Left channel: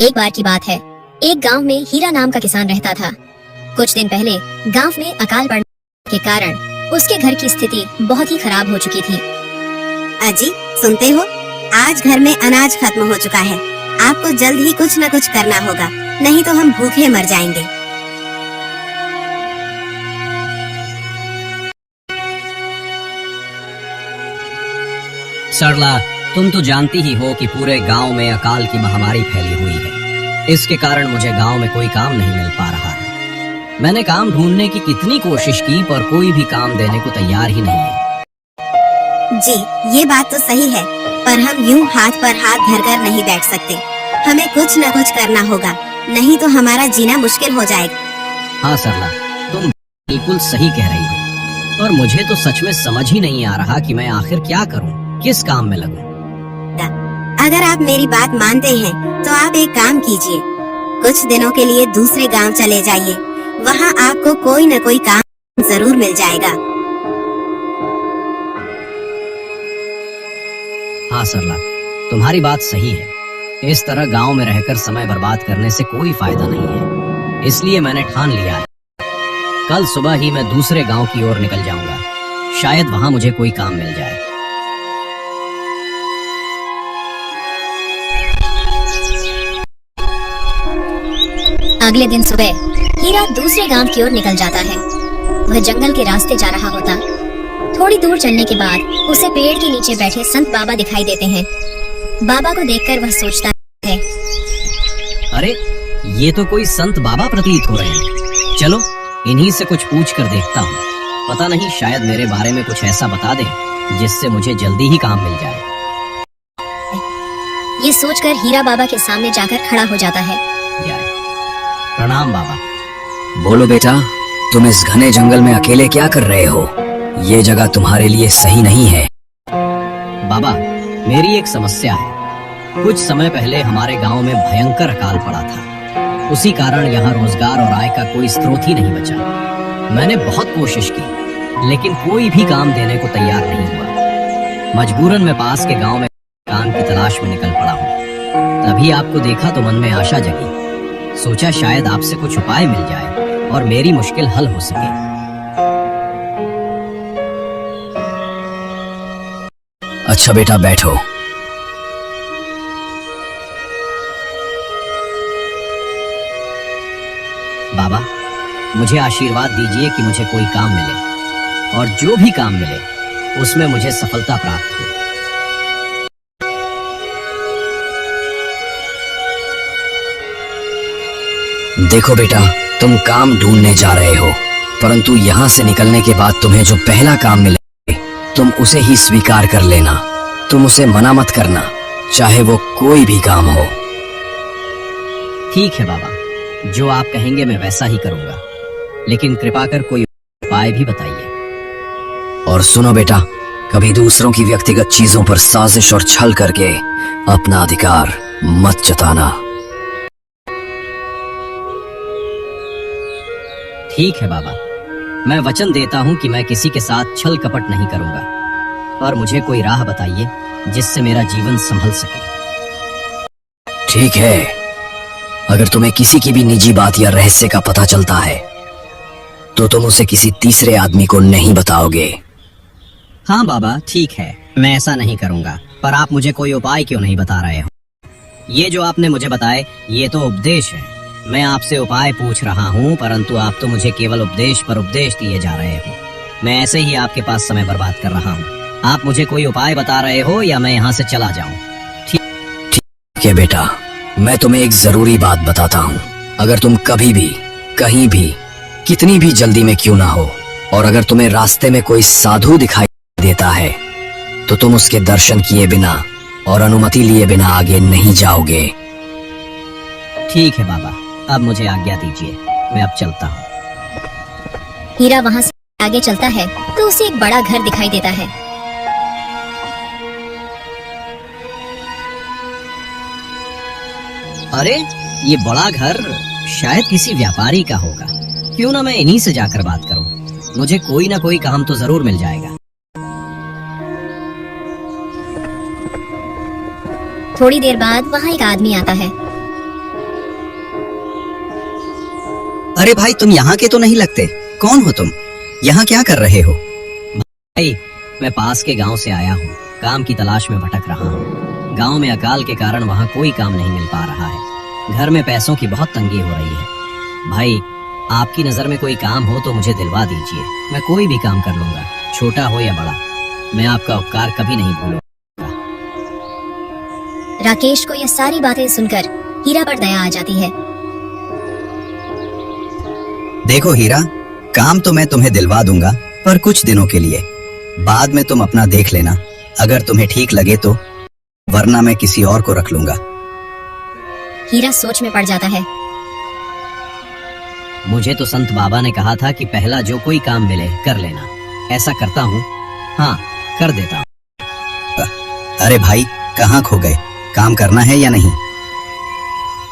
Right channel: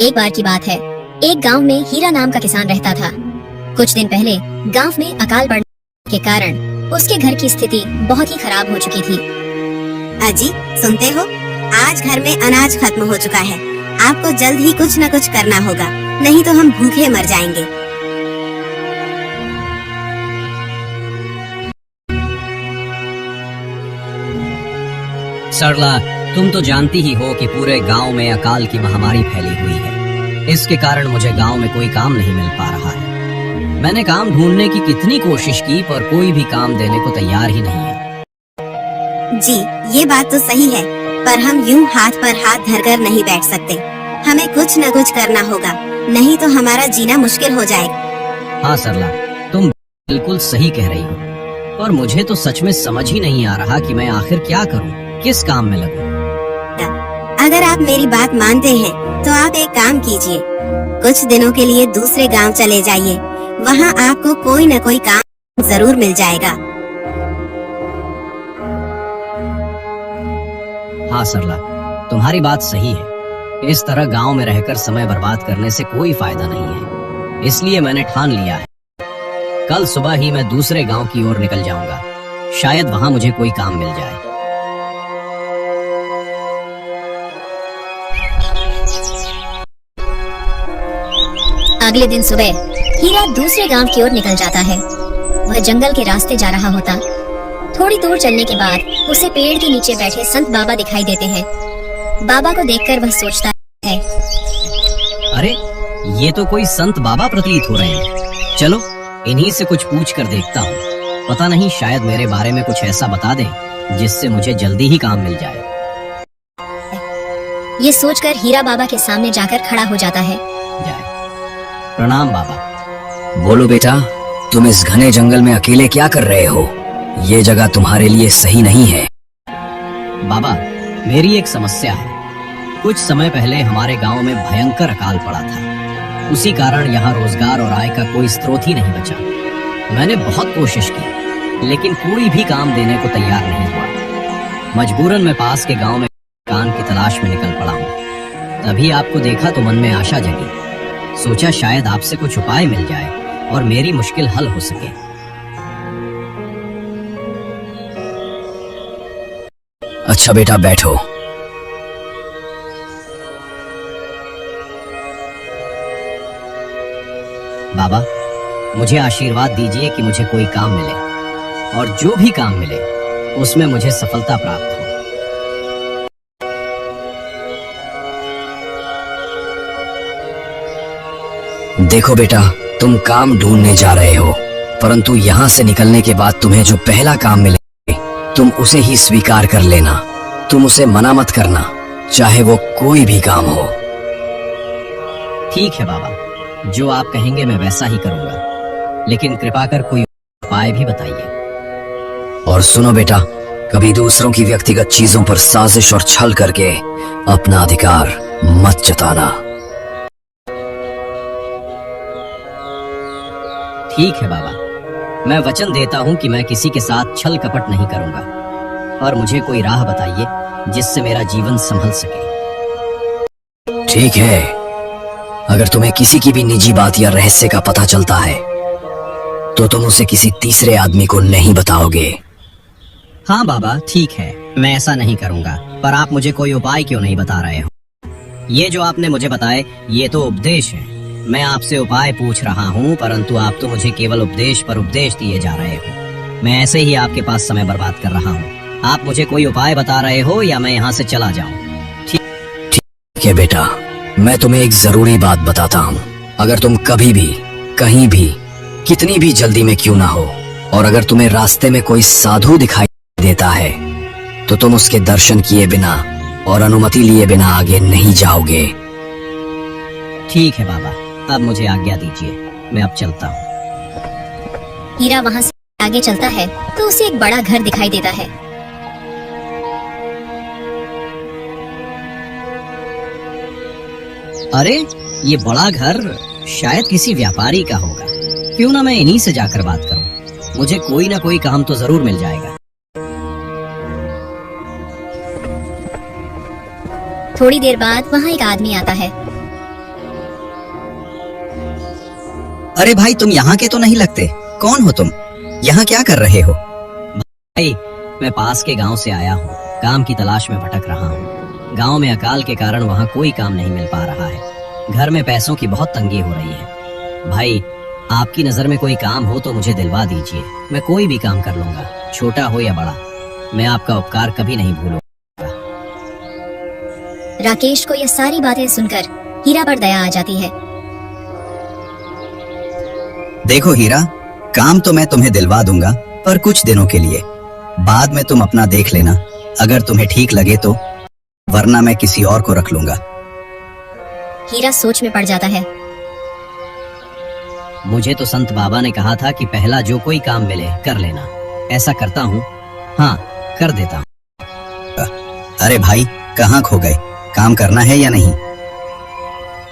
एक बार की बात है, एक गांव में हीरा नाम का किसान रहता था। कुछ दिन पहले गांव में अकाल पड़ने के कारण उसके घर की स्थिति बहुत ही खराब हो चुकी थी। अजी, सुनते हो? आज घर में अनाज खत्म हो चुका है। आपको जल्द ही कुछ न कुछ करना होगा, नहीं तो हम भूखे मर जाएंगे। सरला, तुम तो जानती ही हो कि पूरे गांव में अकाल की महामारी फैली हुई है। इसके कारण मुझे गांव में कोई काम नहीं मिल पा रहा है। मैंने काम ढूंढने की कितनी कोशिश की, पर कोई भी काम देने को तैयार ही नहीं है। जी, ये बात तो सही है, पर हम यूं हाथ पर हाथ धरकर नहीं बैठ सकते। हमें कुछ न कुछ करना होगा, नहीं तो हमारा जीना मुश्किल हो जाएगा। हाँ सरला, तुम बिल्कुल सही कह रही हो, पर मुझे तो सच में समझ ही नहीं आ रहा कि मैं आखिर क्या करूं, किस काम में लगूं। अगर आप मेरी बात मानते हैं तो आप एक काम कीजिए, कुछ दिनों के लिए दूसरे गांव चले जाइए। वहां आपको कोई न कोई काम जरूर मिल जाएगा। हाँ सरला, तुम्हारी बात सही है। इस तरह गांव में रहकर समय बर्बाद करने से कोई फायदा नहीं है। इसलिए मैंने ठान लिया है, कल सुबह ही मैं दूसरे गांव की ओर निकल जाऊंगा। शायद वहां मुझे कोई काम मिल जाए। अगले दिन सुबह हीरा दूसरे गांव की ओर निकल जाता है। वह जंगल के रास्ते जा रहा होता। थोड़ी दूर चलने के बाद उसे पेड़ के नीचे बैठे संत बाबा दिखाई देते हैं। बाबा को देखकर वह सोचता है, अरे ये तो कोई संत बाबा प्रतीत हो रहे हैं। चलो इन्हीं से कुछ पूछ कर देखता हूँ। पता नहीं, शायद मेरे बारे में कुछ ऐसा बता दें जिससे मुझे जल्दी ही काम मिल जाए। ये सोचकर हीरा बाबा के सामने जाकर खड़ा हो जाता है। प्रणाम बाबा। बोलो बेटा, तुम इस घने जंगल में अकेले क्या कर रहे हो? ये जगह तुम्हारे लिए सही नहीं है। बाबा, मेरी एक समस्या है। कुछ समय पहले हमारे गांव में भयंकर अकाल पड़ा था। उसी कारण यहाँ रोजगार और आय का कोई स्रोत ही नहीं बचा। मैंने बहुत कोशिश की, लेकिन कोई भी काम देने को तैयार नहीं हुआ। मजबूरन मैं पास के गांव में काम की तलाश में निकल पड़ा हूँ। तभी आपको देखा तो मन में आशा जगी। सोचा शायद आपसे कुछ उपाय मिल जाए और मेरी मुश्किल हल हो सके। अच्छा बेटा, बैठो। बाबा, मुझे आशीर्वाद दीजिए कि मुझे कोई काम मिले, और जो भी काम मिले उसमें मुझे सफलता प्राप्त हो। देखो बेटा, तुम काम ढूंढने जा रहे हो, परंतु यहाँ से निकलने के बाद तुम्हें जो पहला काम मिले तुम उसे ही स्वीकार कर लेना। तुम उसे मना मत करना, चाहे वो कोई भी काम हो। ठीक है बाबा, जो आप कहेंगे मैं वैसा ही करूंगा, लेकिन कृपा कर कोई उपाय भी बताइए। और सुनो बेटा, कभी दूसरों की व्यक्तिगत चीजों पर साजिश और छल करके अपना अधिकार मत जताना। ठीक है बाबा, मैं वचन देता हूँ कि मैं किसी के साथ छल कपट नहीं करूंगा, पर मुझे कोई राह बताइए जिससे मेरा जीवन संभल सके। ठीक है, अगर तुम्हें किसी की भी निजी बात या रहस्य का पता चलता है तो तुम उसे किसी तीसरे आदमी को नहीं बताओगे। हाँ बाबा, ठीक है, मैं ऐसा नहीं करूंगा, पर आप मुझे कोई उपाय क्यों नहीं बता रहे हो? ये जो आपने मुझे बताए ये तो उपदेश है। मैं आपसे उपाय पूछ रहा हूँ, परंतु आप तो मुझे केवल उपदेश पर उपदेश दिए जा रहे हो। मैं ऐसे ही आपके पास समय बर्बाद कर रहा हूँ। आप मुझे कोई उपाय बता रहे हो या मैं यहाँ से चला जाऊँ? ठीक है बेटा, मैं तुम्हें एक जरूरी बात बताता हूँ। अगर तुम कभी भी, कहीं भी, कितनी भी जल्दी में क्यों ना हो, और अगर तुम्हें रास्ते में कोई साधु दिखाई देता है तो तुम उसके दर्शन किए बिना और अनुमति लिए बिना आगे नहीं जाओगे। ठीक है बाबा, अब मुझे आज्ञा दीजिए, मैं अब चलता हूँ। हीरा वहाँ से आगे चलता है तो उसे एक बड़ा घर दिखाई देता है। अरे ये बड़ा घर शायद किसी व्यापारी का होगा। क्यों ना मैं इन्हीं से जाकर बात करूं, मुझे कोई ना कोई काम तो जरूर मिल जाएगा। थोड़ी देर बाद वहाँ एक आदमी आता है। अरे भाई, तुम यहाँ के तो नहीं लगते। कौन हो तुम? यहाँ क्या कर रहे हो? भाई, मैं पास के गांव से आया हूँ। काम की तलाश में भटक रहा हूँ। गांव में अकाल के कारण वहाँ कोई काम नहीं मिल पा रहा है। घर में पैसों की बहुत तंगी हो रही है। भाई, आपकी नजर में कोई काम हो तो मुझे दिलवा दीजिए। मैं कोई भी काम कर लूंगा, छोटा हो या बड़ा। मैं आपका उपकार कभी नहीं भूलूंगा। राकेश को यह सारी बातें सुनकर हीरा पर दया आ जाती है। देखो हीरा, काम तो मैं तुम्हें दिलवा दूंगा, पर कुछ दिनों के लिए। बाद में तुम अपना देख लेना, अगर तुम्हें ठीक लगे तो, वरना मैं किसी और को रख लूंगा। हीरा सोच में पड़ जाता है। मुझे तो संत बाबा ने कहा था कि पहला जो कोई काम मिले कर लेना। ऐसा करता हूँ, हाँ कर देता हूँ। अरे भाई, कहाँ खो गए? काम करना है या नहीं?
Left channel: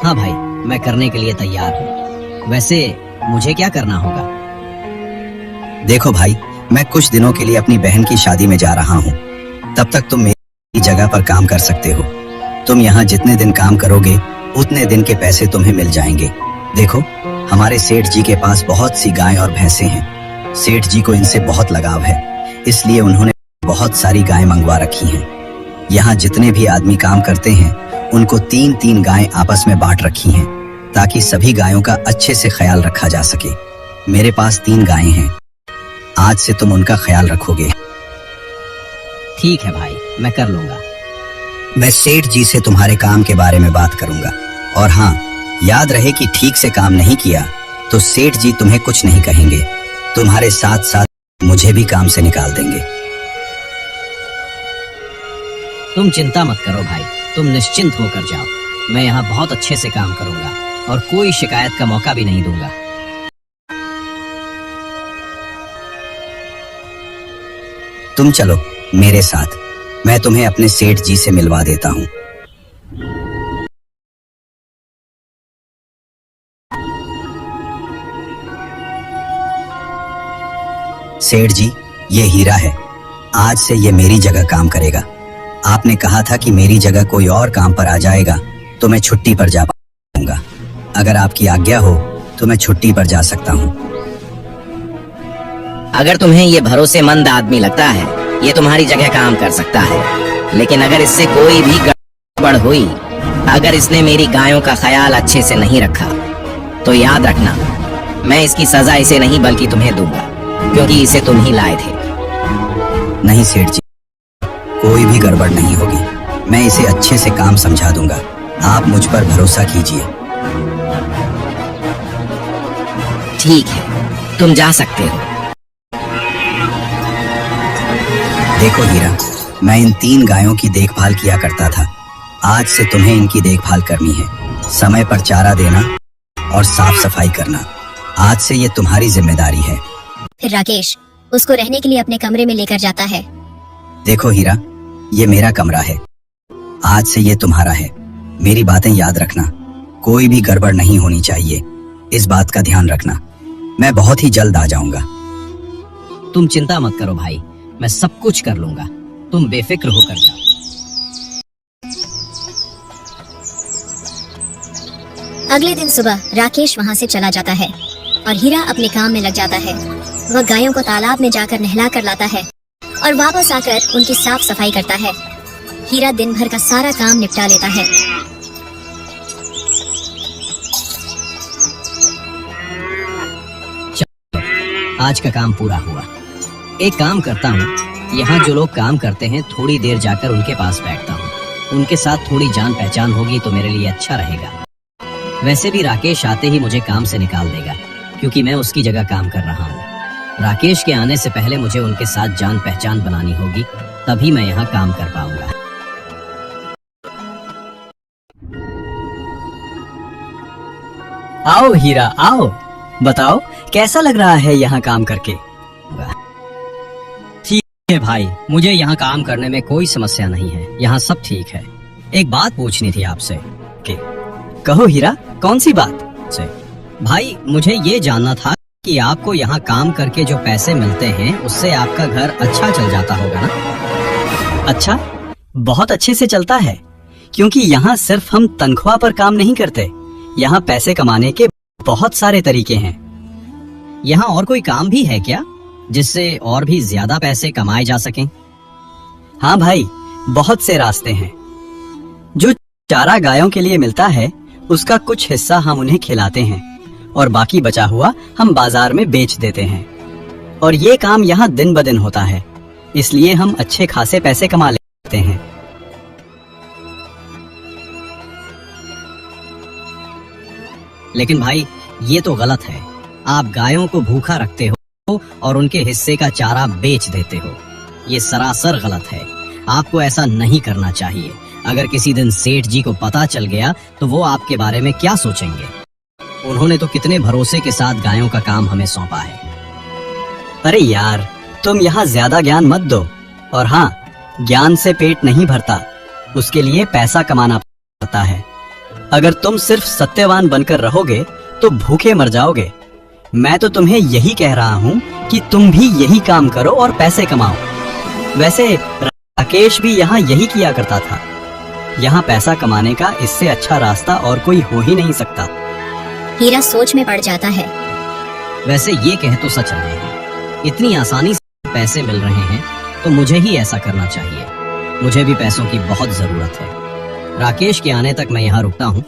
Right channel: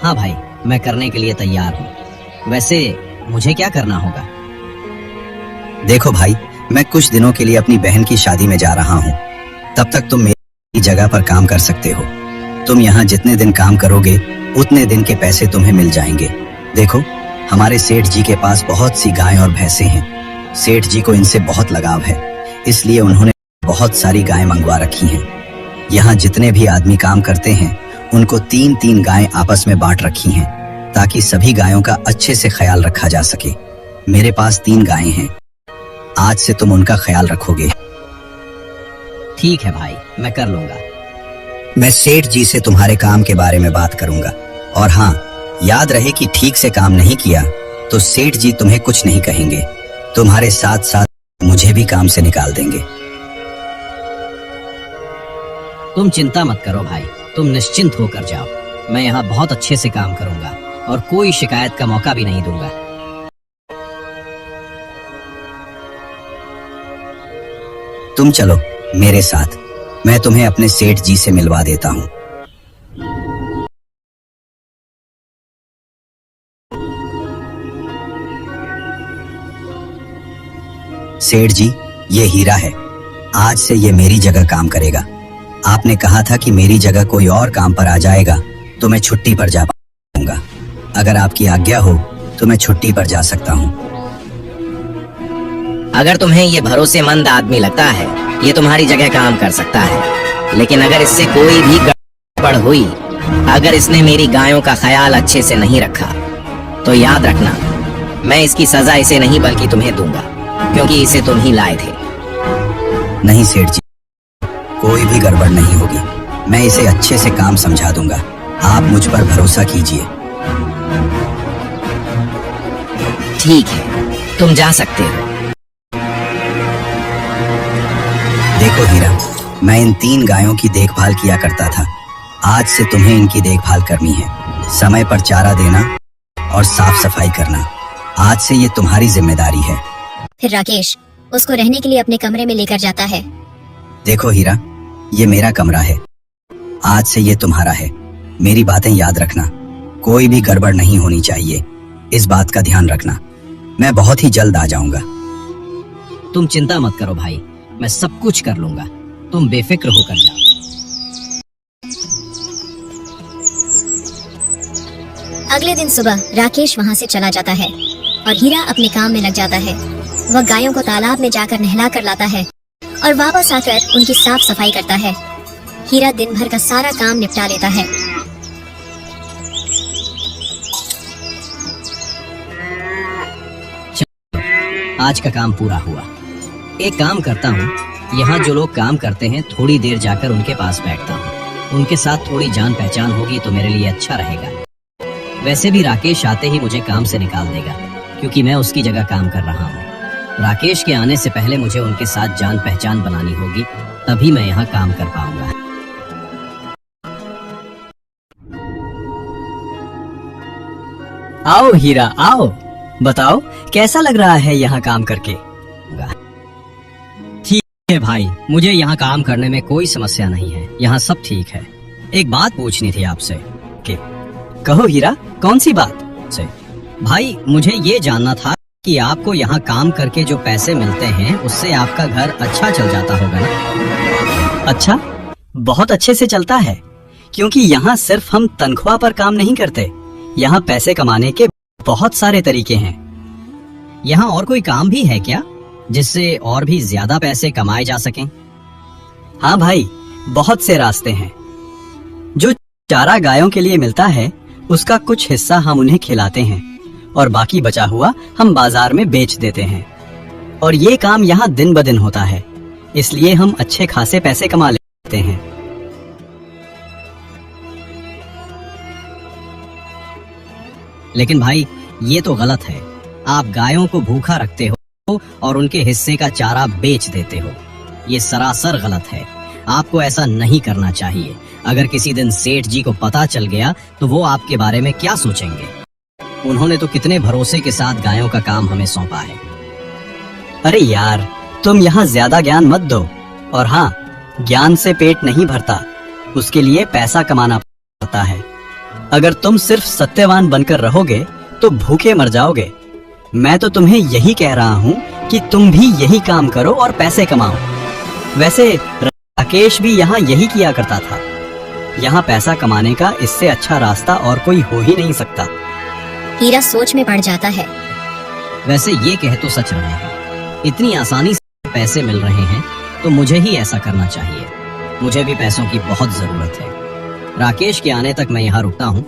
हाँ भाई, मैं करने के लिए तैयार हूँ। वैसे मुझे क्या करना होगा? देखो भाई, मैं कुछ दिनों के लिए अपनी बहन की शादी में जा रहा हूँ। तब तक तुम मेरी जगह पर काम कर सकते हो। तुम यहाँ जितने दिन काम करोगे उतने दिन के पैसे तुम्हें मिल जाएंगे। देखो, हमारे सेठ जी के पास बहुत सी गायें और भैंसे हैं। सेठ जी को इनसे बहुत लगाव है, इसलिए उन्होंने बहुत सारी गायें मंगवा रखी हैं। यहाँ जितने भी आदमी काम करते हैं उनको 3-3 गायें आपस में बांट रखी हैं, ताकि सभी गायों का अच्छे से ख्याल रखा जा सके। मेरे पास 3 गायें हैं। आज से तुम उनका ख्याल रखोगे। ठीक है भाई, मैं कर लूंगा। मैं सेठ जी से तुम्हारे काम के बारे में बात करूंगा। और हाँ, याद रहे कि ठीक से काम नहीं किया तो सेठ जी तुम्हें कुछ नहीं कहेंगे। तुम्हारे साथ साथ मुझे भी काम से निकाल देंगे। तुम चिंता मत करो भाई, तुम निश्चिंत होकर जाओ। मैं यहाँ बहुत अच्छे से काम करूंगा और कोई शिकायत का मौका भी नहीं दूंगा। तुम चलो मेरे साथ, मैं तुम्हें अपने सेठ जी से मिलवा देता हूँ। सेठ जी, ये हीरा है। आज से ये मेरी जगह काम करेगा। आपने कहा था कि मेरी जगह कोई और काम पर आ जाएगा तो मैं छुट्टी पर जा पाऊंगा। अगर आपकी आज्ञा हो तो मैं छुट्टी पर जा सकता हूँ। अगर तुम्हें ये भरोसेमंद आदमी लगता है, ये तुम्हारी जगह काम कर सकता है। लेकिन अगर इससे कोई भी गड़बड़ हुई, अगर इसने मेरी गायों का ख्याल अच्छे से नहीं रखा, तो याद रखना, मैं इसकी सजा इसे नहीं बल्कि तुम्हें दूंगा, क्योंकि इसे तुम ही लाए थे। नहीं सेठ जी, कोई भी गड़बड़ नहीं होगी। मैं इसे अच्छे से काम समझा दूंगा। आप मुझ पर भरोसा कीजिए। ठीक है, तुम जा सकते हो। देखो हीरा, मैं इन 3 गायों की देखभाल किया करता था। आज से तुम्हें इनकी देखभाल करनी है। समय पर चारा देना और साफ सफाई करना। आज से ये तुम्हारी जिम्मेदारी है। फिर राकेश उसको रहने के लिए अपने कमरे में लेकर जाता है। देखो हीरा, ये मेरा कमरा है। आज से ये तुम्हारा है। मेरी बातें याद रखना, कोई भी गड़बड़ नहीं होनी चाहिए। इस बात का ध्यान रखना। मैं बहुत ही जल्द आ जाऊंगा। तुम चिंता मत करो भाई, मैं सब कुछ कर लूंगा। तुम बेफिक्र होकर जाओ। अगले दिन सुबह राकेश वहाँ से चला जाता है और हीरा अपने काम में लग जाता है। वह गायों को तालाब में जाकर नहला कर लाता है और वापस आकर उनकी साफ सफाई करता है। हीरा दिन भर का सारा काम निपटा लेता है। आज का काम पूरा हुआ। एक काम करता हूँ, यहाँ जो लोग काम करते हैं थोड़ी देर जाकर उनके पास बैठता हूँ। उनके साथ थोड़ी जान पहचान होगी तो मेरे लिए अच्छा रहेगा। वैसे भी राकेश आते ही मुझे काम से निकाल देगा, क्योंकि मैं उसकी जगह काम कर रहा हूँ। राकेश के आने से पहले मुझे उनके साथ जान पहचान बनानी होगी, तभी मैं यहाँ काम कर पाऊंगा। आओ हीरा, आओ। बताओ कैसा लग रहा है यहाँ काम करके? ठीक है भाई, मुझे यहाँ काम करने में कोई समस्या नहीं है। यहाँ सब ठीक है। एक बात पूछनी थी आपसे। कहो हीरा, कौन सी बात? से भाई, मुझे ये जानना था कि आपको यहाँ काम करके जो पैसे मिलते हैं उससे आपका घर अच्छा चल जाता होगा ना? अच्छा, बहुत अच्छे से चलता है, क्योंकि यहाँ सिर्फ हम तनख्वाह पर काम नहीं करते। यहाँ पैसे कमाने के बहुत सारे तरीके हैं। यहाँ और कोई काम भी है क्या जिससे और भी ज्यादा पैसे कमाए जा सकें? हाँ भाई, बहुत से रास्ते हैं। जो चारा गायों के लिए मिलता है उसका कुछ हिस्सा हम उन्हें खिलाते हैं और बाकी बचा हुआ हम बाजार में बेच देते हैं। और ये काम यहाँ दिन ब दिन होता है, इसलिए हम अच्छे खासे पैसे कमा लेते हैं। लेकिन भाई ये तो गलत है। आप गायों को भूखा रखते हो और उनके हिस्से का चारा बेच देते हो। ये सरासर गलत है। आपको ऐसा नहीं करना चाहिए। अगर किसी दिन सेठ जी को पता चल गया तो वो आपके बारे में क्या सोचेंगे? उन्होंने तो कितने भरोसे के साथ गायों का काम हमें सौंपा है। अरे यार, तुम यहाँ ज्यादा ज्ञान मत दो। और हाँ, ज्ञान से पेट नहीं भरता, उसके लिए पैसा कमाना पड़ता है। अगर तुम सिर्फ सत्यवान बनकर रहोगे तो भूखे मर जाओगे। मैं तो तुम्हें यही कह रहा हूँ कि तुम भी यही काम करो और पैसे कमाओ। वैसे राकेश भी यहाँ यही किया करता था। यहाँ पैसा कमाने का इससे अच्छा रास्ता और कोई हो ही नहीं सकता। हीरा सोच में पड़ जाता है। वैसे ये कह तो सच रहे हैं। इतनी आसानी से पैसे मिल रहे हैं तो मुझे ही ऐसा करना चाहिए। मुझे भी पैसों की बहुत जरूरत है। राकेश के आने तक मैं यहाँ रुकता हूँ।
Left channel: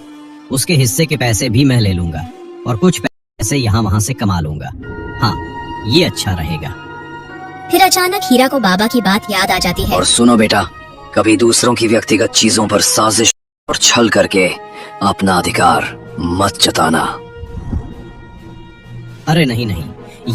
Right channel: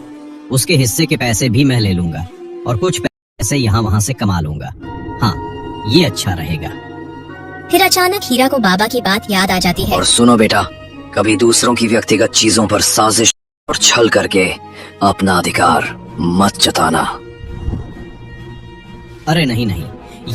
उसके हिस्से के पैसे भी मैं ले लूंगा और कुछ पैसे यहाँ वहाँ से कमा लूंगा। हाँ, ये अच्छा रहेगा। फिर अचानक हीरा को बाबा की बात याद आ जाती है। और सुनो बेटा, कभी दूसरों की व्यक्तिगत चीजों पर साजिश और छल करके अपना अधिकार मत जताना। अरे नहीं नहीं,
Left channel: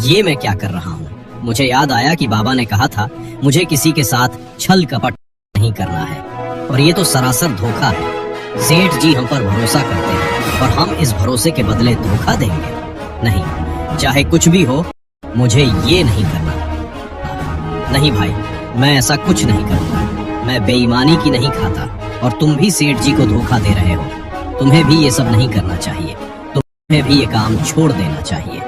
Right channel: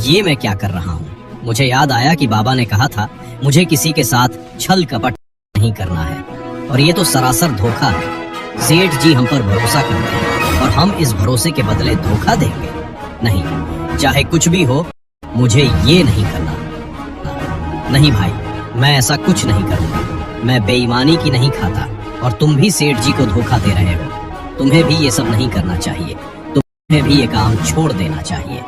ये मैं क्या कर रहा हूँ? मुझे याद आया कि बाबा ने कहा था मुझे किसी के साथ छल कपट नहीं करना है। और ये तो सरासर धोखा है। सेठ जी हम पर भरोसा करते हैं और हम इस भरोसे के बदले धोखा देंगे? नहीं, चाहे कुछ भी हो, मुझे ये नहीं करना। नहीं भाई, मैं ऐसा कुछ नहीं करूँगा। मैं बेईमानी की नहीं खाता और तुम भी सेठ जी को धोखा दे रहे हो। तुम्हें भी ये सब नहीं करना चाहिए। तुम्हें भी ये काम छोड़ देना चाहिए।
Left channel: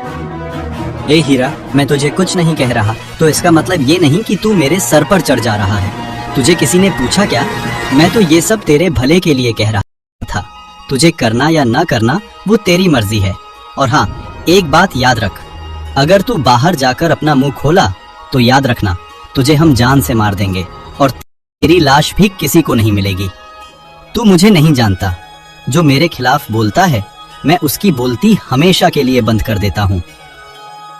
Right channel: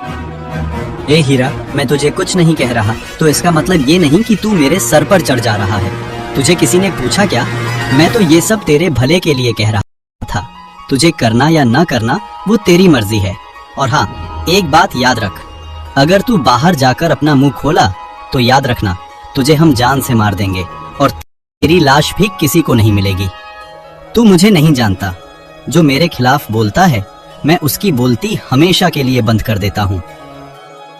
ए हीरा, मैं तुझे कुछ नहीं कह रहा तो इसका मतलब ये नहीं कि तू मेरे सर पर चढ़ जा रहा है। तुझे किसी ने पूछा क्या? मैं तो ये सब तेरे भले के लिए कह रहा था। तुझे करना या ना करना वो तेरी मर्जी है। और हाँ, एक बात याद रख, अगर तू बाहर जाकर अपना मुंह खोला तो याद रखना, तुझे हम जान से मार देंगे और तेरी लाश भी किसी को नहीं मिलेगी। तू मुझे नहीं जानता। जो मेरे खिलाफ बोलता है मैं उसकी बोलती हमेशा के लिए बंद कर देता हूँ।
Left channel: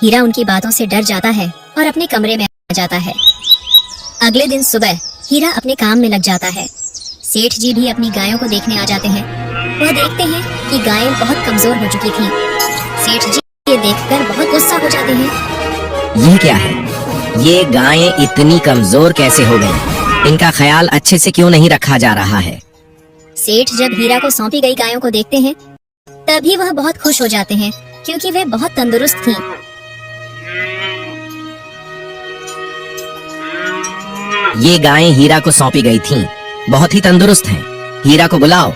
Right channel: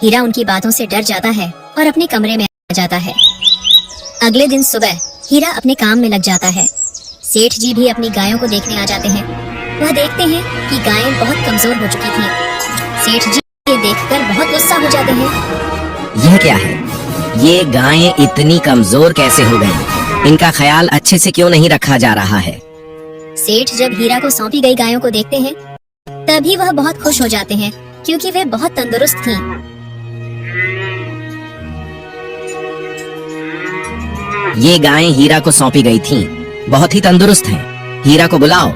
हीरा उनकी बातों से डर जाता है और अपने कमरे में आ जाता है। अगले दिन सुबह हीरा अपने काम में लग जाता है। सेठ जी भी अपनी गायों को देखने आ जाते हैं। वह देखते हैं कि गायें बहुत कमजोर हो चुकी थीं। सेठ जी ये देखकर बहुत गुस्सा हो जाते हैं। ये क्या है? ये गायें इतनी कमजोर कैसे हो गई? इनका ख्याल अच्छे से क्यों नहीं रखा जा रहा है? सेठ जब हीरा को सौंपी गई गायों को देखते हैं तभी वह बहुत खुश हो जाते हैं क्योंकि वे बहुत तंदुरुस्त थीं। ये गायें हीरा को सौंपी गई थीं, बहुत ही तंदुरुस्त हैं। हीरा को बुलाओ,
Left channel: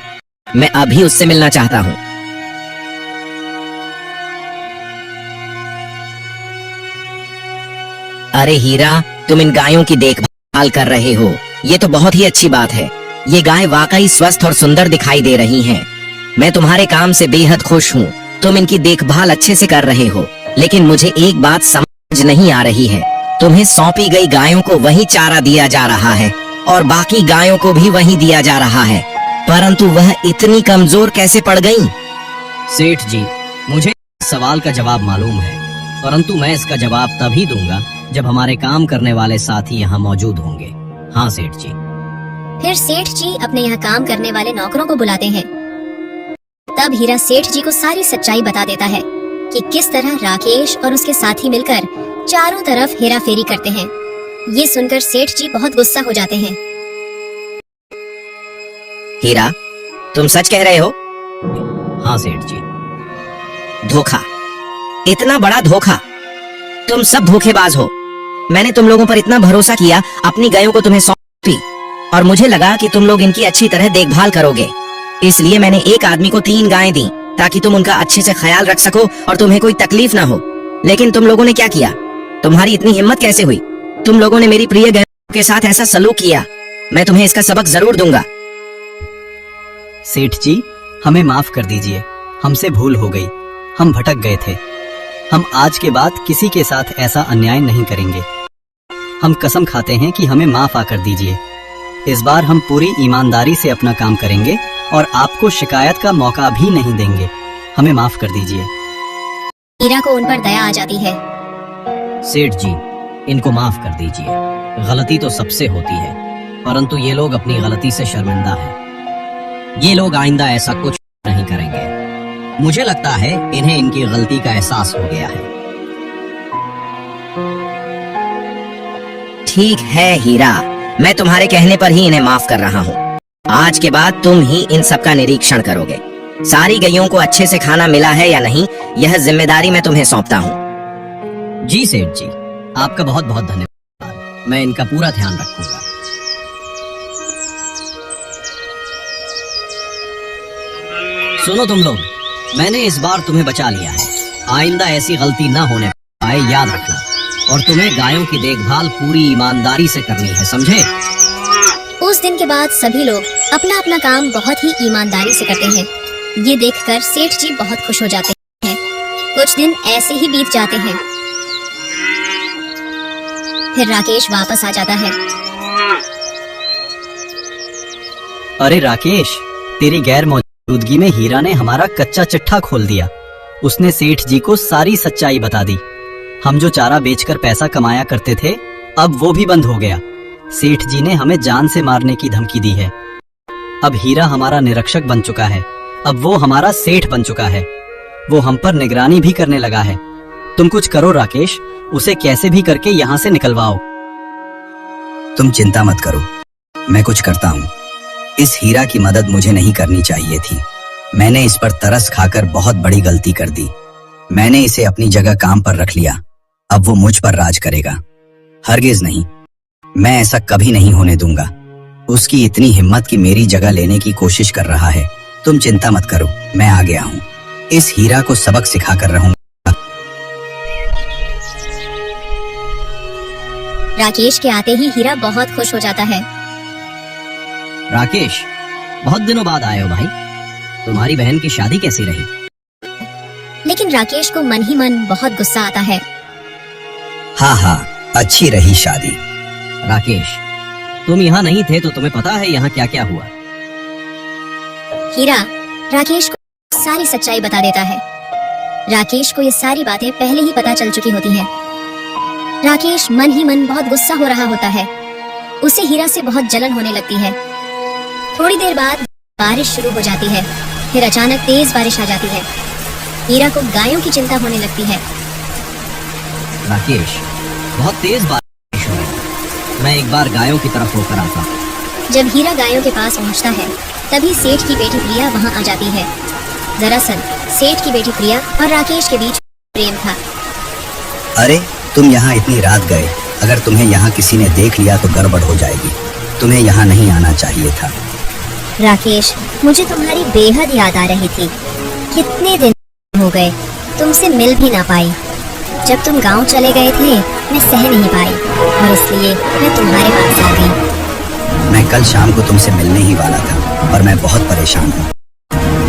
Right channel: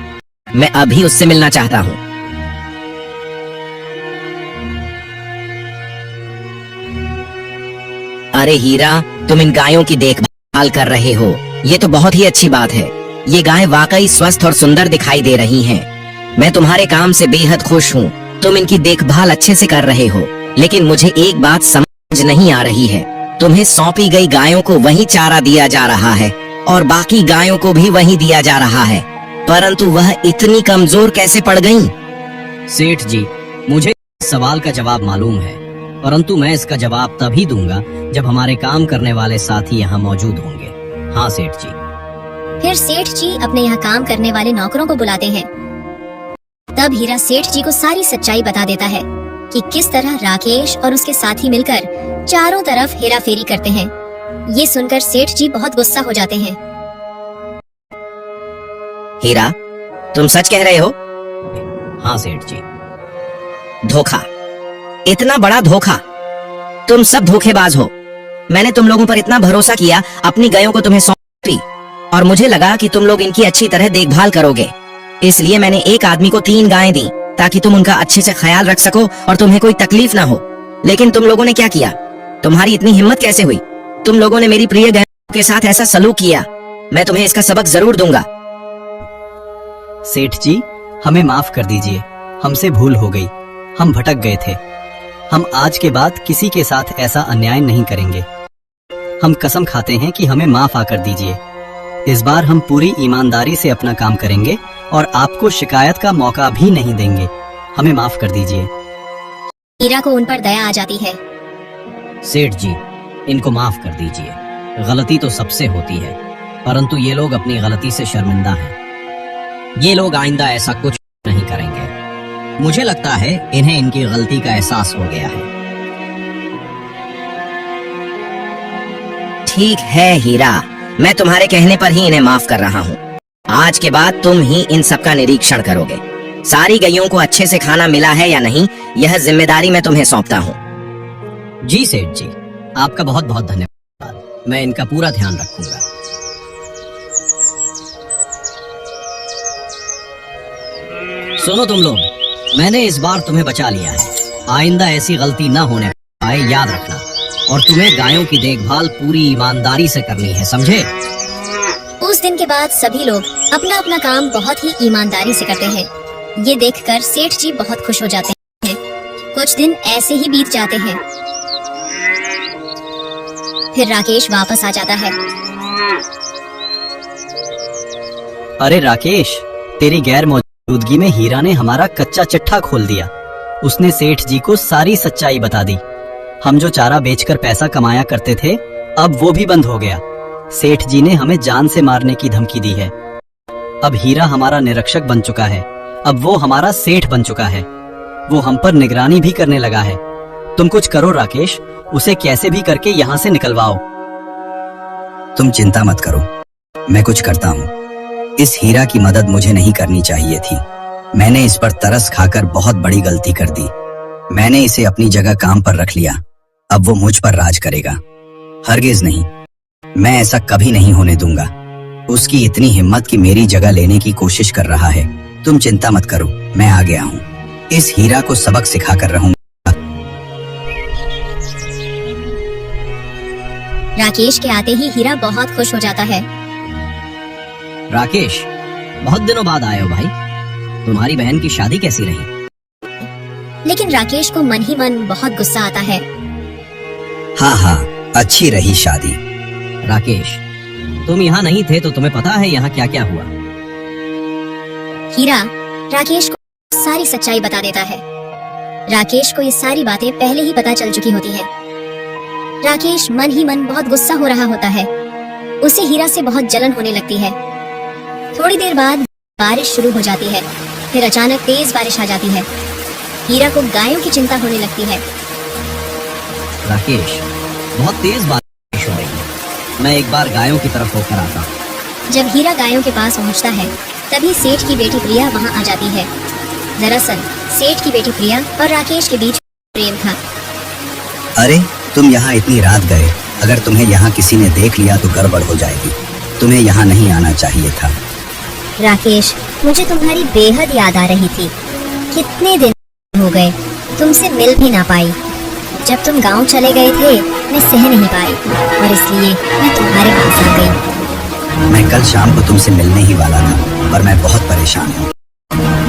मैं अभी उससे मिलना चाहता हूँ। अरे हीरा, तुम इन गायों की देखभाल कर रहे हो, ये तो बहुत ही अच्छी बात है। ये गायें वाकई स्वस्थ और सुंदर दिखाई दे रही हैं। मैं तुम्हारे काम से बेहद खुश हूँ। तुम इनकी देखभाल अच्छे से कर रहे हो, लेकिन मुझे एक बात समझ नहीं आ रही है। तुम्हें सौंपी गई गायों को वही चारा दिया जा रहा है और बाकी गायों को भी वही दिया जा रहा है, परंतु वह इतनी कमजोर कैसे पड़ गईं? सेठ जी, मुझे इस सवाल का जवाब मालूम है, परंतु मैं इसका जवाब तभी दूंगा जब हमारे काम करने वाले साथी यहाँ मौजूद होंगे। हाँ सेठ जी। फिर सेठ जी अपने यहाँ काम करने वाले नौकरों को बुलाते हैं। तब हीरा सेठ जी को सारी सच्चाई बता देता है कि किस तरह राकेश और उसके साथी मिलकर चारों तरफ हेरा फेरी करते हैं। ये सुनकर सेठ जी बहुत गुस्सा हो जाते हैं। हीरा, तुम सच कह रहे हो? हाँ सेठ जी। धोखा, इतना बड़ा धोखा! तुम सब धोखेबाज हो। मैंने तुम लोगों पर इतना भरोसा किया, अपनी गायों को तुम्हें सौंपी और मुझे लगा कि तुम लोग इनकी अच्छी तरह देखभाल करोगे। इसलिए मैंने एक आदमी को 3 गायें दी ताकि तुम उनका अच्छे से ख्याल रख सको और तुम्हें कोई तकलीफ ना हो। लेकिन तुम लोगों ने क्या किया? तुम्हारी इतनी हिम्मत कैसे हुई? तुम लोगों ने मेरी प्रिय गायों के साथ ऐसा सलूक किया। मैं तुम्हें इसका सबक जरूर दूंगा। सेठ जी, हमें माफ कर दीजिए, हमसे भूल हो गई। हम भटक गए थे। हम आज के बाद किसी के साथ ऐसा अन्याय नहीं करेंगे। हम कसम खाते हैं कि हमें माफ आकर दीजिए। इस बार हम पूरी ईमानदारी से अपना काम करेंगे और आपको शिकायत का मौका भी नहीं देंगे। हमें माफ कर दीजिए। हीरा को उन पर दया आ जाती है। सेठ जी, इनको माफ कर दीजिए। गलती तो सबसे होती है, परंतु ये लोग अपनी गलती से शर्मिंदा हैं। ये लोग आइंदा ऐसा कुछ नहीं करेंगे। मुझे लगता है इन्हें इनकी गलती का एहसास हो गया है। ठीक है हीरा, मैं तुम्हारे कहने पर ही इन्हें माफ कर रहा हूँ। आज के बाद तुम ही इन सब का निरीक्षण करोगे। सारी गैयों को अच्छे से खाना मिला है या नहीं, यह जिम्मेदारी मैं तुम्हें सौंपता हूँ। जी सेठ जी, आपका बहुत बहुत धन्यवाद। मैं इनका पूरा ध्यान रखूंगा। सुनो तुम लोग, मैंने इस बार तुम्हें बचा लिया है। आइंदा ऐसी गलती ना होने पाए, याद रखना। और तुम्हें गायों की देखभाल पूरी ईमानदारी से करनी है, समझे? उस दिन के बाद सभी लोग अपना अपना काम बहुत ही ईमानदारी से करते हैं। ये देखकर सेठ जी बहुत खुश हो जाते हैं। कुछ दिन ऐसे ही बीत जाते हैं। फिर राकेश वापस आ जाता है। अरे राकेश, तेरी गैर मौजूदगी में हीरा ने हमारा कच्चा चिट्ठा खोल दिया। उसने सेठ जी को सारी सच्चाई बता दी। हम जो चारा बेचकर पैसा कमाया करते थे, अब वो भी बंद हो गया। सेठ जी ने हमें जान से मारने की धमकी दी है। अब हीरा हमारा निरीक्षक बन चुका है। अब वो हमारा सेठ बन चुका है। वो हम पर निगरानी भी करने लगा है। तुम कुछ करो राकेश, उसे कैसे भी करके यहाँ से निकलवाओ। तुम चिंता मत करो, मैं कुछ करता हूँ। इस हीरा की मदद मुझे नहीं करनी चाहिए थी। मैंने इस पर तरस खाकर बहुत बड़ी गलती कर दी। मैंने इसे अपनी जगह काम पर रख लिया। अब वो मुझ पर राज करेगा। हरगिज नहीं, मैं ऐसा कभी नहीं होने दूंगा। उसकी इतनी हिम्मत कि मेरी जगह लेने की कोशिश कर रहा है। तुम चिंता मत करो, मैं आ गया हूँ। इस हीरा को सबक सिखा कर रहूंगा। राकेश के आते ही हीरा बहुत खुश हो जाता है। राकेश, बहुत दिनों बाद आए हो भाई। तुम्हारी बहन की शादी कैसी रही? लेकिन राकेश को मन ही मन बहुत गुस्सा आता है। हाँ हाँ, अच्छी रही शादी। राकेश, तुम यहाँ नहीं थे तो तुम्हें पता है यहाँ क्या क्या हुआ? हीरा राकेश को सारी सच्चाई बता देता है। राकेश को ये सारी बातें पहले ही पता चल चुकी होती हैं। राकेश मन ही मन बहुत गुस्सा हो रहा होता है। उसे हीरा से बहुत जलन होने लगती है। थोड़ी देर बाद बारिश शुरू हो जाती है। फिर अचानक तेज बारिश आ जाती है। हीरा को गायों की चिंता होने लगती है। राकेश, बहुत तेज बारिश हो रही। मैं एक बार गायों की तरफ होकर आता हूँ। जब हीरा गायों के पास पहुंचता है, तभी सेठ की बेटी प्रिया वहां आ जाती है। दरअसल सेठ की बेटी प्रिया और राकेश के बीच प्रेम था। अरे, तुम यहाँ इतनी रात गए। अगर तुम्हें यहाँ किसी ने देख लिया तो गड़बड़ हो जाएगी। तुम्हें यहाँ नहीं आना चाहिए था। राकेश, मुझे तुम्हारी बेहद याद आ रही थी। कितने दिन हो गए, तुमसे मिल भी ना पाई। जब तुम गांव चले गए थे, मैं सह नहीं पाई और इसलिए मैं तुम्हारे पास आ गई। मैं कल शाम को तुमसे मिलने ही वाला था और मैं बहुत परेशान हूँ।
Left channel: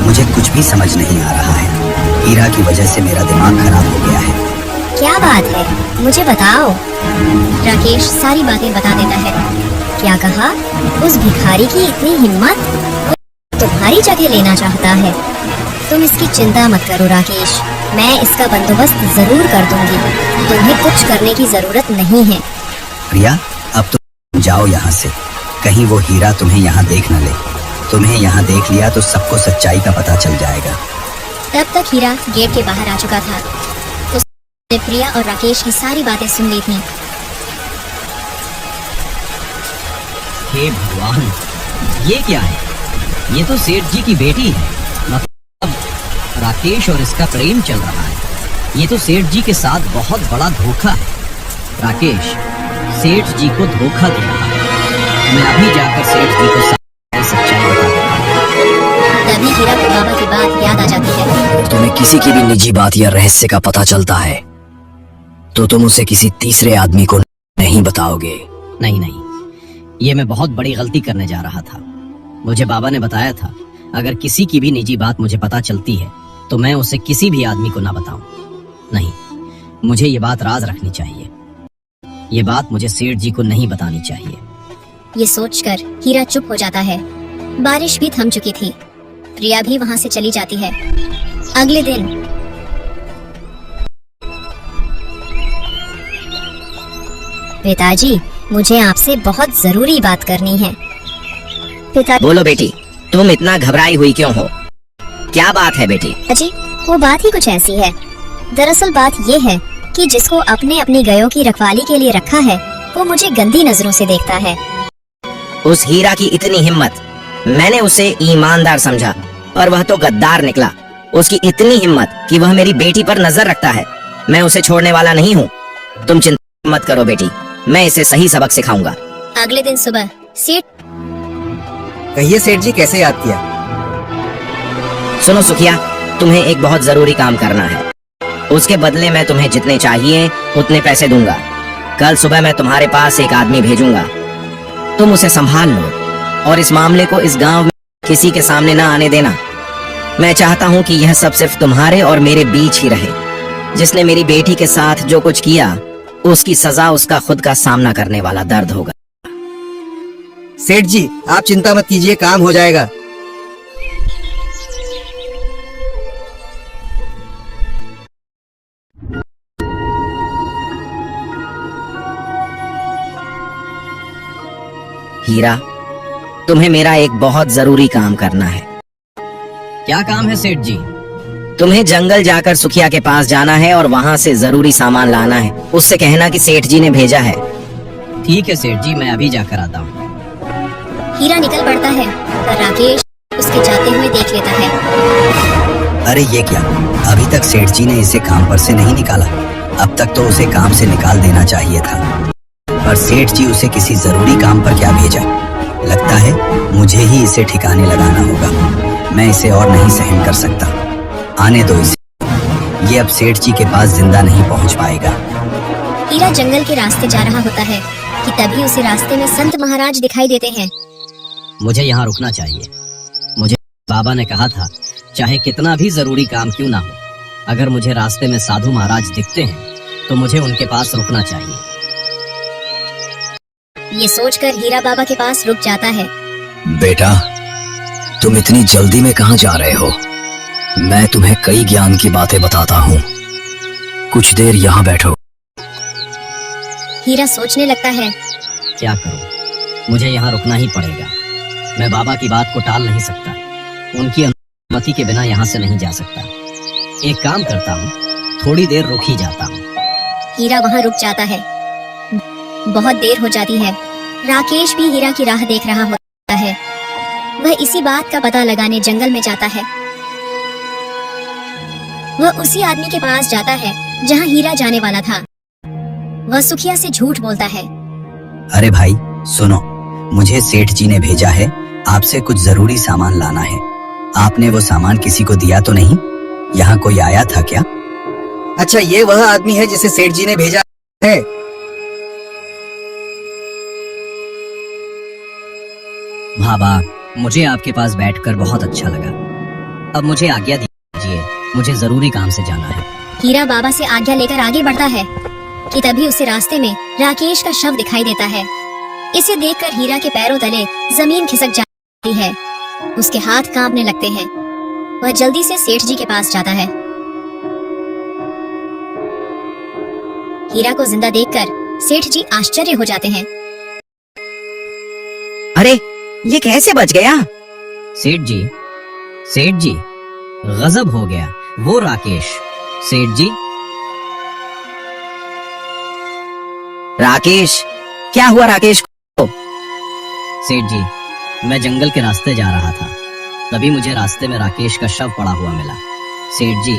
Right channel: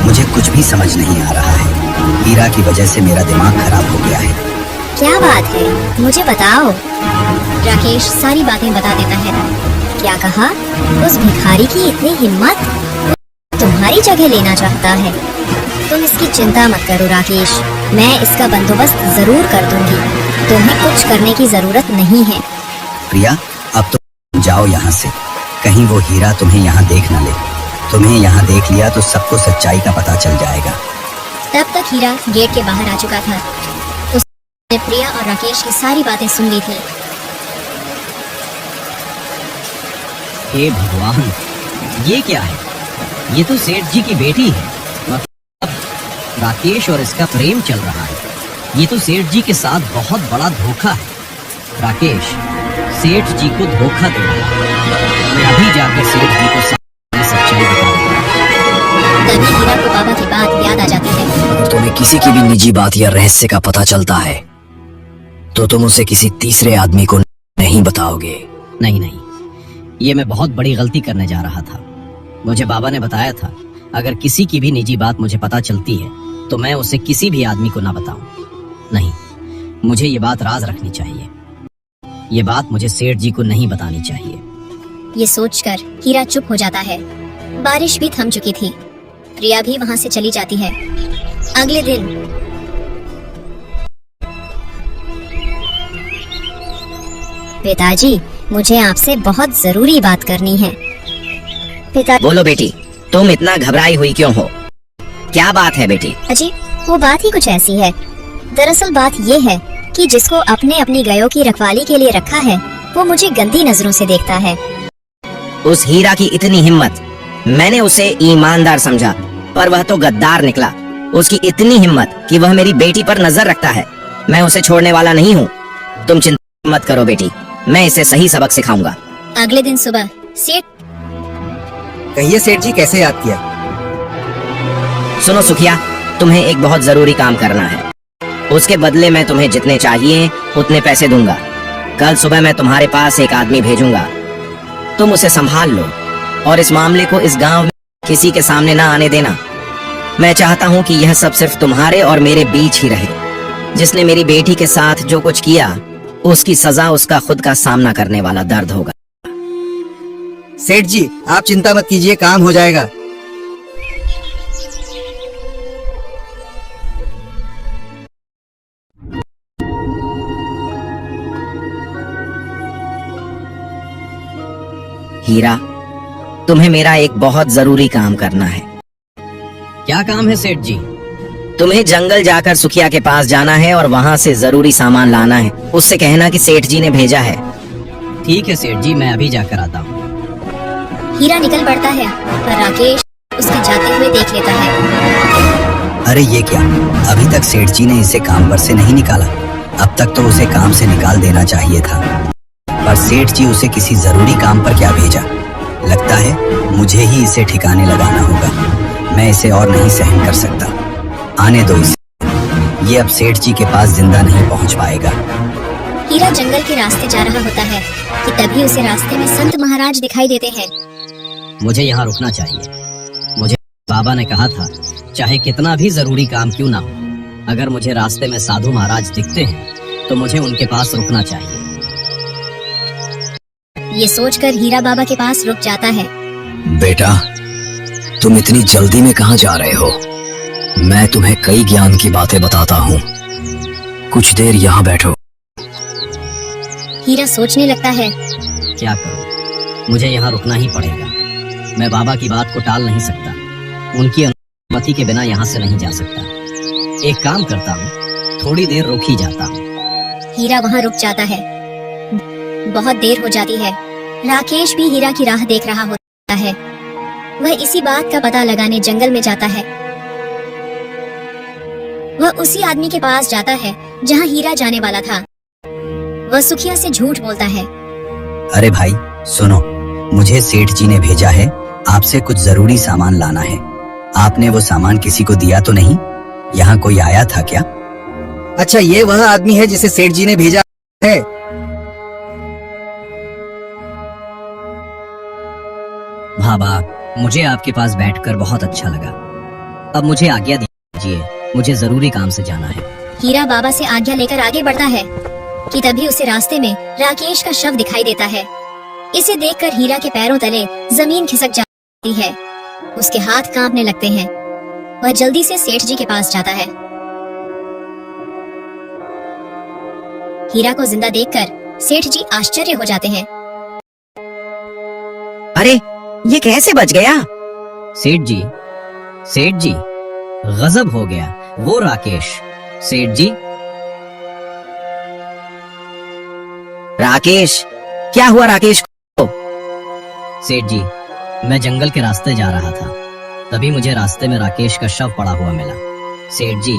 मुझे कुछ भी समझ नहीं आ रहा है। हीरा की वजह से मेरा दिमाग खराब हो गया है। क्या बात है, मुझे बताओ। राकेश सारी बातें बता देता है। क्या कहा? उस भिखारी की इतनी हिम्मत, तुम्हारी जगह लेना चाहता है। तुम इसकी चिंता मत करो राकेश, मैं इसका बंदोबस्त जरूर कर दूंगी। तुम्हें कुछ करने की जरूरत नहीं है। प्रिया, अब तो जाओ यहाँ से। कहीं वो हीरा तुम्हें यहाँ देख न ले। तुम्हें यहाँ देख लिया तो सबको सच्चाई का पता चल जाएगा। तब तक हीरा गेट के बाहर आ चुका था। उसने प्रिया और राकेश की सारी बातें सुन ली थी। हे भगवान, ये क्या है? ये तो सेठ जी की बेटी है। मतलब राकेश और इसका प्रेम चल रहा है। ये तो सेठ जी के साथ बहुत बड़ा धोखा है। राकेश सेठ जी को धोखा दे रहा है। मैं अभी जाकर सेठ जी को सारी सच्चाई बता दूंगा। तभी हीरा को बाबा की बात याद आ जाती है। अगर तुम्हें किसी की भी निजी बात या रहस्य का पता चलता है तो तुम उसे किसी तीसरे आदमी को नहीं बताओगे। नहीं नहीं, ये मैं बहुत बड़ी गलती करने जा रहा था। मुझे बाबा ने बताया था, अगर किसी की भी निजी बात मुझे पता चलती है तो मैं उसे किसी भी आदमी को ना बताऊं। नहीं, मुझे ये बात राज रखनी चाहिए। ये बात मुझे सेठ जी को नहीं बतानी चाहिए। ये सोचकर हीरा चुप हो जाता है। बारिश भी थम चुकी थी। प्रिया भी वहाँ से चली जाती है। अगले दिन पिताजी, मुझे आपसे बहुत जरूरी बात करनी है। बोलो बेटी, तुम इतना घबराई हुई क्यों हो? क्या बात है बेटी? पिताजी, वो बात ही कुछ ऐसी है। दरअसल बात ये है कि जिसको अपने अपनी गायों की रखवाली के लिए रखा है, वो मुझे गंदी नजरों से देखता है। उस हीरा की इतनी हिम्मत! मैंने उसे ईमानदार समझा, पर वह तो गद्दार निकला। उसकी इतनी हिम्मत कि वह मेरी बेटी पर नजर रखता है। मैं उसे छोड़ने वाला नहीं हूँ। तुम चिंता मत करो बेटी, मैं इसे सही सबक सिखाऊंगा। अगले दिन सुबह सेठ कहिए सेठ जी, कैसे याद किया? सुनो सुखिया, तुम्हें एक बहुत जरूरी काम करना है। उसके बदले मैं तुम्हें जितने चाहिए उतने पैसे दूंगा। कल सुबह मैं तुम्हारे पास एक आदमी भेजूंगा। तुम उसे संभाल लो और इस मामले को इस गांव में किसी के सामने ना आने देना। मैं चाहता हूँ कि यह सब सिर्फ तुम्हारे और मेरे बीच ही रहे। जिसने मेरी बेटी के साथ जो कुछ किया, उसकी सजा उसका खुद का सामना करने वाला दर्द होगा। सेठ जी, आप चिंता मत कीजिए, काम हो जाएगा। हीरा, तुम्हें मेरा एक बहुत जरूरी काम करना है। क्या काम है सेठ जी? तुम्हें जंगल जाकर सुखिया के पास जाना है और वहाँ से जरूरी सामान लाना है। उससे कहना कि सेठ जी ने भेजा है। ठीक है सेठ जी, मैं अभी जाकर आता हूँ। हीरा निकल पड़ता है और राकेश उसके जाते हुए देख लेता है। अरे ये क्या, अभी तक सेठ जी ने इसे काम पर से नहीं निकाला। अब तक तो उसे काम से निकाल देना चाहिए था, पर सेठ जी उसे किसी जरूरी काम पर क्या भेजा। लगता है मुझे ही इसे ठिकाने लगाना होगा। मैं इसे और नहीं सहन कर सकता। आने दो इसे। ये अब सेठ जी के पास जिंदा नहीं पहुंच पाएगा। हीरा जंगल के रास्ते जा रहा होता है कि तभी उसे रास्ते में संत महाराज दिखाई देते हैं। मुझे यहाँ रुकना चाहिए। मुझे बाबा ने कहा था, चाहे कितना भी जरूरी काम क्यों ना हो, अगर मुझे रास्ते में साधु महाराज दिखते हैं तो मुझे उनके पास रुकना चाहिए। ये सोचकर हीरा बाबा के पास रुक जाता है। बेटा, तुम इतनी जल्दी में कहाँ जा रहे हो? मैं तुम्हें कई ज्ञान की बातें बताता हूँ। कुछ देर यहाँ बैठो। हीरा सोचने लगता है। क्या करूं? मुझे यहाँ रुकना ही पड़ेगा। मैं बाबा की बात को टाल नहीं सकता। उनकी अनुमति के बिना यहाँ से नहीं जा सकता। एक काम करता हूँ, थोड़ी देर रुक ही जाता हूँ। हीरा वहाँ रुक जाता है। बहुत देर हो जाती है। राकेश भी हीरा की राह देख रहा होता है। वह इसी बात का पता लगाने जंगल में जाता है। वह उसी आदमी के पास जाता है जहाँ हीरा जाने वाला था। वह सुखिया से झूठ बोलता है। अरे भाई सुनो, मुझे सेठ जी ने भेजा है, आपसे कुछ जरूरी सामान लाना है। आपने वो सामान किसी को दिया तो नहीं? यहाँ कोई आया था क्या? अच्छा, ये वह आदमी है जिसे सेठ जी ने भेजा है। बाबा, मुझे आपके पास बैठकर बहुत अच्छा लगा। अब मुझे आज्ञा दीजिए, मुझे जरूरी काम से जाना है। हीरा बाबा से आज्ञा लेकर आगे बढ़ता है कि तभी उसे रास्ते में राकेश का शव दिखाई देता है। इसे देखकर हीरा के पैरों तले जमीन खिसक जाती है। उसके हाथ कांपने लगते हैं। वह जल्दी से सेठ जी के पास जाता है। हीरा को जिंदा देखकर सेठ जी आश्चर्य हो जाते हैं। अरे, ये कैसे बच गया? सेठ जी, गजब हो गया। वो राकेश। सेठ जी, राकेश, क्या हुआ राकेश को? सेठ जी, मैं जंगल के रास्ते जा रहा था, तभी मुझे रास्ते में राकेश का शव पड़ा हुआ मिला। सेठ जी,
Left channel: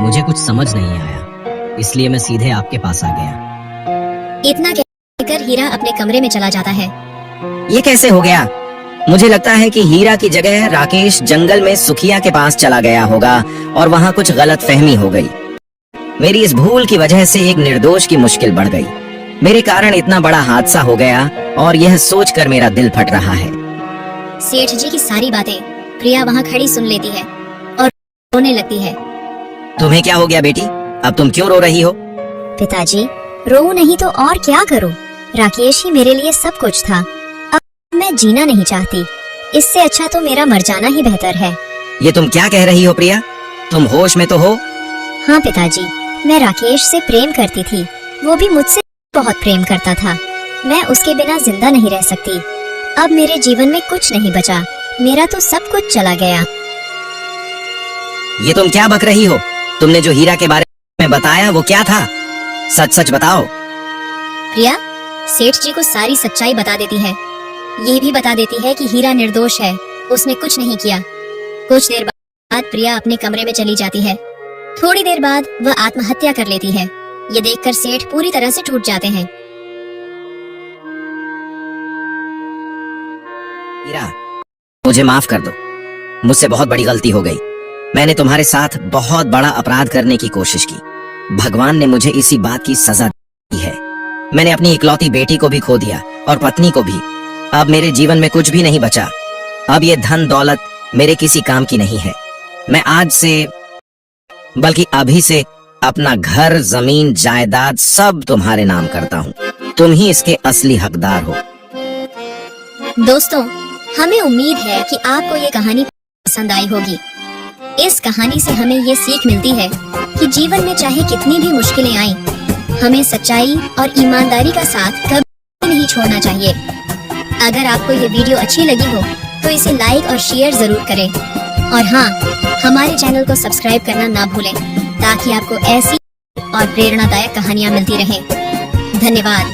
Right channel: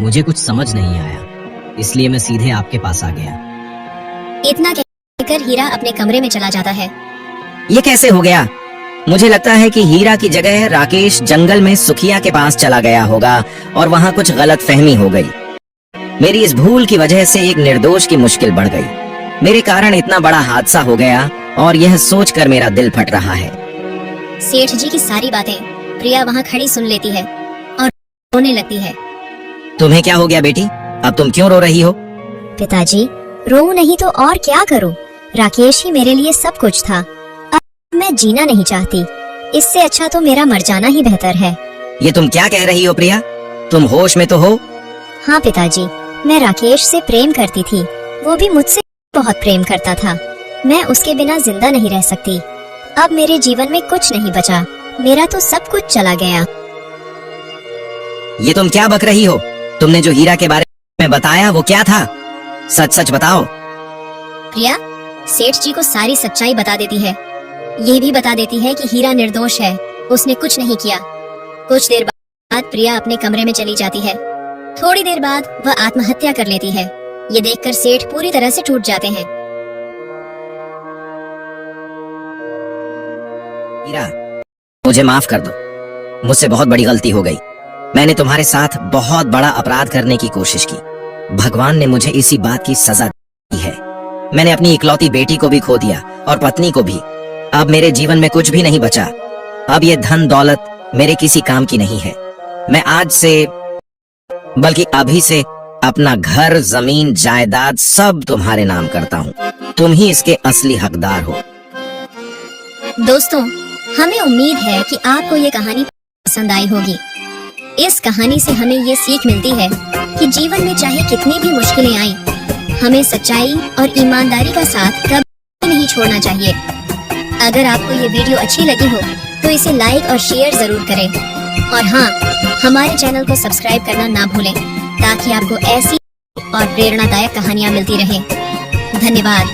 मुझे कुछ समझ नहीं आया, इसलिए मैं सीधे आपके पास आ गया। इतना कहकर हीरा अपने कमरे में चला जाता है। ये कैसे हो गया? मुझे लगता है कि हीरा की जगह राकेश जंगल में सुखिया के पास चला गया होगा और वहाँ कुछ गलत फहमी हो गई। मेरी इस भूल की वजह से एक निर्दोष की मुश्किल बढ़ गई। मेरे कारण इतना बड़ा हादसा हो गया और यह सोचकर मेरा दिल फट रहा है। सेठ जी की सारी बातें प्रिया वहाँ खड़ी सुन लेती है और रोने लगती है। तुम्हें क्या हो गया बेटी? अब तुम क्यों रो रही हो? पिताजी, रो नहीं तो और क्या करूं? राकेश ही मेरे लिए सब कुछ था। अब मैं जीना नहीं चाहती। इससे अच्छा तो मेरा मर जाना ही बेहतर है। ये तुम क्या कह रही हो प्रिया? तुम होश में तो हो? हाँ पिताजी, मैं राकेश से प्रेम करती थी। वो भी मुझसे बहुत प्रेम करता था। मैं उसके बिना जिंदा नहीं रह सकती। अब मेरे जीवन में कुछ नहीं बचा। मेरा तो सब कुछ चला गया। ये तुम क्या बक रही हो? तुमने जो हीरा के बारे में बताया वो क्या था? सच सच बताओ। प्रिया सेठ जी को सारी सच्चाई बता देती है। ये भी बता देती है कि हीरा निर्दोष है, उसने कुछ नहीं किया। कुछ देर बाद प्रिया अपने कमरे में चली जाती है। थोड़ी देर बाद वह आत्महत्या कर लेती है। ये देखकर सेठ पूरी तरह से टूट जाते हैं। हीरा, मुझे माफ कर दो। मुझसे बहुत बड़ी गलती हो गई। मैंने तुम्हारे साथ बहुत बड़ा अपराध करने की कोशिश की। भगवान ने मुझे इसी बात की सजा दी है। मैंने अपनी इकलौती बेटी को भी खो दिया और पत्नी को भी। अब मेरे जीवन में कुछ भी नहीं बचा। अब ये धन दौलत मेरे किसी काम की नहीं है। मैं आज से बल्कि अभी से अपना घर जमीन जायदाद सब तुम्हारे नाम करता हूँ। तुम ही इसके असली हकदार हो। दोस्तों, हमें उम्मीद है कि आपको ये कहानी पसंद आई होगी। इस कहानी से हमें ये सीख मिलती है कि जीवन में चाहे कितनी भी मुश्किलें आए, हमें सच्चाई और ईमानदारी का साथ कभी नहीं छोड़ना चाहिए। अगर आपको ये वीडियो अच्छी लगी हो तो इसे लाइक और शेयर जरूर करें। और हाँ, हमारे चैनल को सब्सक्राइब करना ना भूलें ताकि आपको ऐसी और प्रेरणादायक कहानियाँ मिलती रहें। धन्यवाद।